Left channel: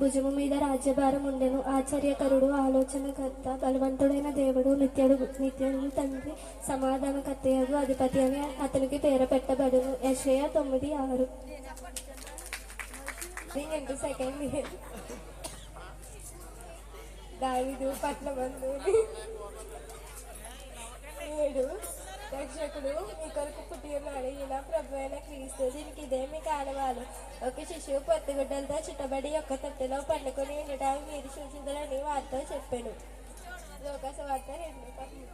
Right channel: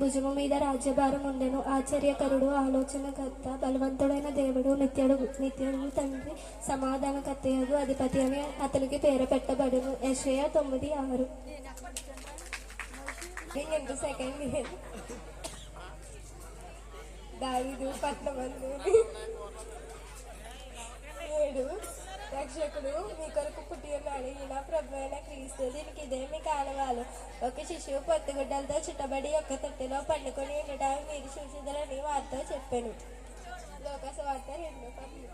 భుజము మీద రాజ్యభారం ఉండెను. ఆశ్చర్యకరుడు, ఆలోచనకర్త, బలవంతుడైన దేవుడు, నిత్యుడు తండ్రి, సమాధానకర్తయగు అధిపతి అని అతనికి పేరు పెట్టబడును. యెషయా 9:6. దావీదు పట్నమందు 7 రక్షకుడు మీ కొరకు పుట్టి ఉన్నాడు, ఈయన ప్రభు అయిన క్రీస్తు. దీనికి ఇదే మీ కారణాలు. ఒక శిశువు పొత్తుగుడ్డలతో చుట్టబడి యొక్క తొట్టెలో పండుకొని ఉండటానికి మీరు చూసిందని వారితో చెప్పాను. లోకసువార్త 8.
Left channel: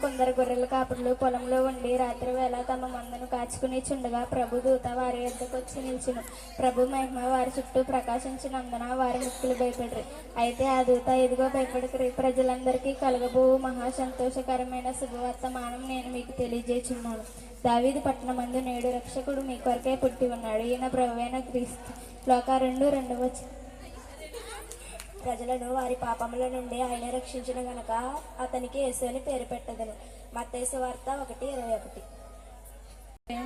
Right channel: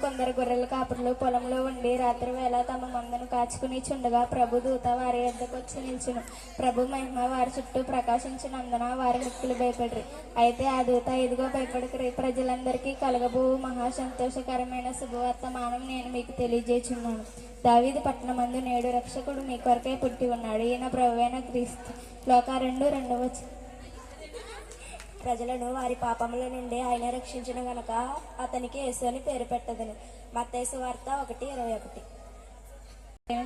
కొందరు గొర్రెల కాపురులు పొలంలో ఉండి రాత్రి వేళ తమ మందను కాచుకుని చుండగా ప్రభు దూత వారి యొద్దకు వచ్చి నిల్చును. ప్రభు మహిమ వారి చుట్టూ ప్రకాశించినందున వారి ముక్కులు భయపడరు. అయితే ఆ దూత, ఇదిగో భయపడకరి, ప్రజలందరికీ కలగబో మహా సంతోషకరమైన శుభవర్తమానం నేను మీకు తెలియజేస్తున్నాను. దావీదు పట్టణమందు నేడు రక్షకుడు మీ కొరకే పుట్టి ఉన్నాడు, ఈయన ప్రభువైన క్రీస్తు. లోక 2:2. ప్రజలను వారి పాపముల నుండి ఆయన రక్షించిన గనక అతనికి యేసు అని పేరు పెట్టదను. మత్తయి సువార్త 1:21.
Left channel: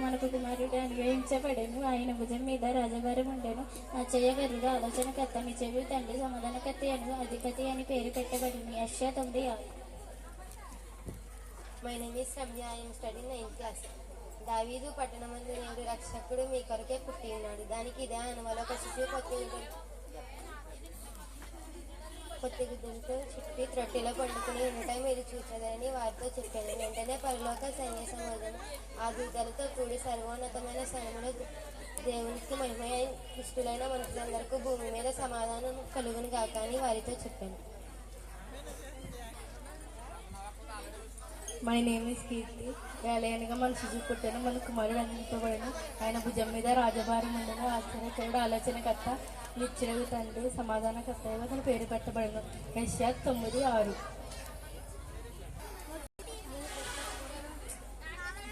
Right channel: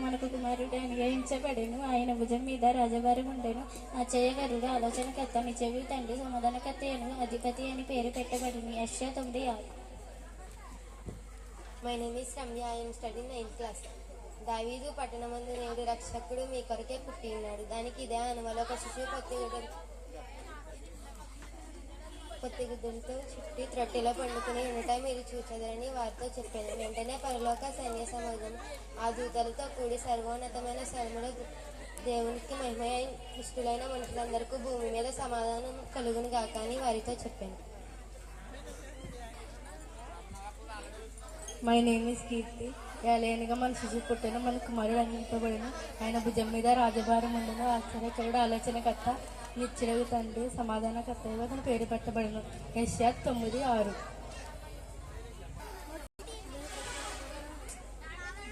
మనకు కుమారుడు అనుగ్రహించబడేను, ఆయన భుజం మీద రాజభారం ఉండేను. ఆశ్చర్యకరుడు, ఆలోచనకర్త, నిత్యుడు తండ్రి, సమాధానకర్త అని అధిపతి అని పేరు పెట్టబడింది. యెషయా 9:6. My name is Ramya. I am studying 9th class. దావీదు పట్టణమందు నేడు రక్షకుడు మీ కొరకే పుట్టి ఉన్నాడు. దానికి ఇదే అనుమలో ఒక శిశువు పొత్తిగుడ్డలతో చుట్టి త్రొట్టెలో పండుకుని ఉండటం మీరు చూచెదరని వారితో చెప్పాను. వెంటనే పరలోక సైన్య సమూహం ఆ దూతలతో కూడి సర్వోన్నతమైన స్థలములో దేవునికి మహిమ ఇష్టులైన మనుషులందరికీ భూమి మీద సమాధానం కలుగును గాక అని వారితో చెప్పాను. మై నేమ్ ఈస్ కీర్తి. ఏలయనగా మన శిశువు పుట్టెను, మన కుమారుడు అందింపబడెను, ఆయన భుజం మీద రాజభారం ఉండను. ఆశ్చర్యకరుడు, ఆలోచనకర్త, నిత్యుడు తండ్రి, సమాధానకర్తగా అతని పేరు పెట్టబడను. యెషయా 9:6.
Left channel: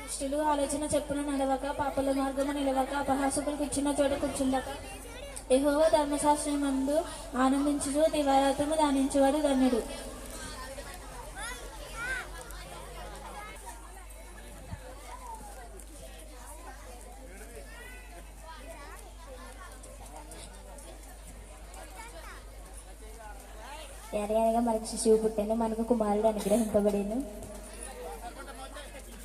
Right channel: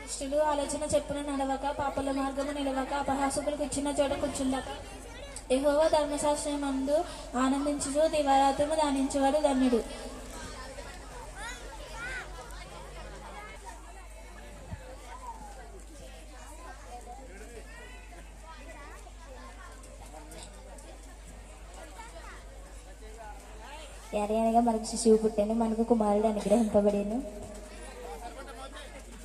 దుష్టులు ఆలోచన చెప్పున నడవక, పాపల మార్గము నిలవక, అపహాసకులు కూర్చున్న చోట కూర్చుండక, యెహోవా ధర్మశాస్త్రమందు ఆనందించుచు దివారాత్రము ధ్యానించువాడు ధన్యుడు. ఏలయనగా మనకు శిశువు పుట్టెను, మనకు కుమారుడు అనుగ్రహింపబడేను,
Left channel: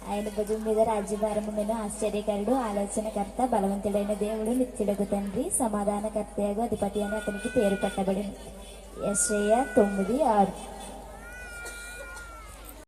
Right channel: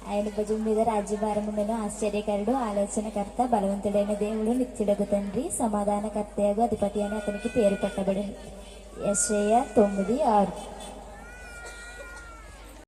ఆయన భుజం మీద రాజ్యభారం ఉండెను. ఆశ్చర్యకరుడు, ఆలోచనకర్త, బలవంతుడైన దేవుడు, నిత్యుడగు తండ్రి, సమాధానకర్తయగు అధిపతి అని అతనికి పేరు పెట్టబడెను. యెషయా 9:6.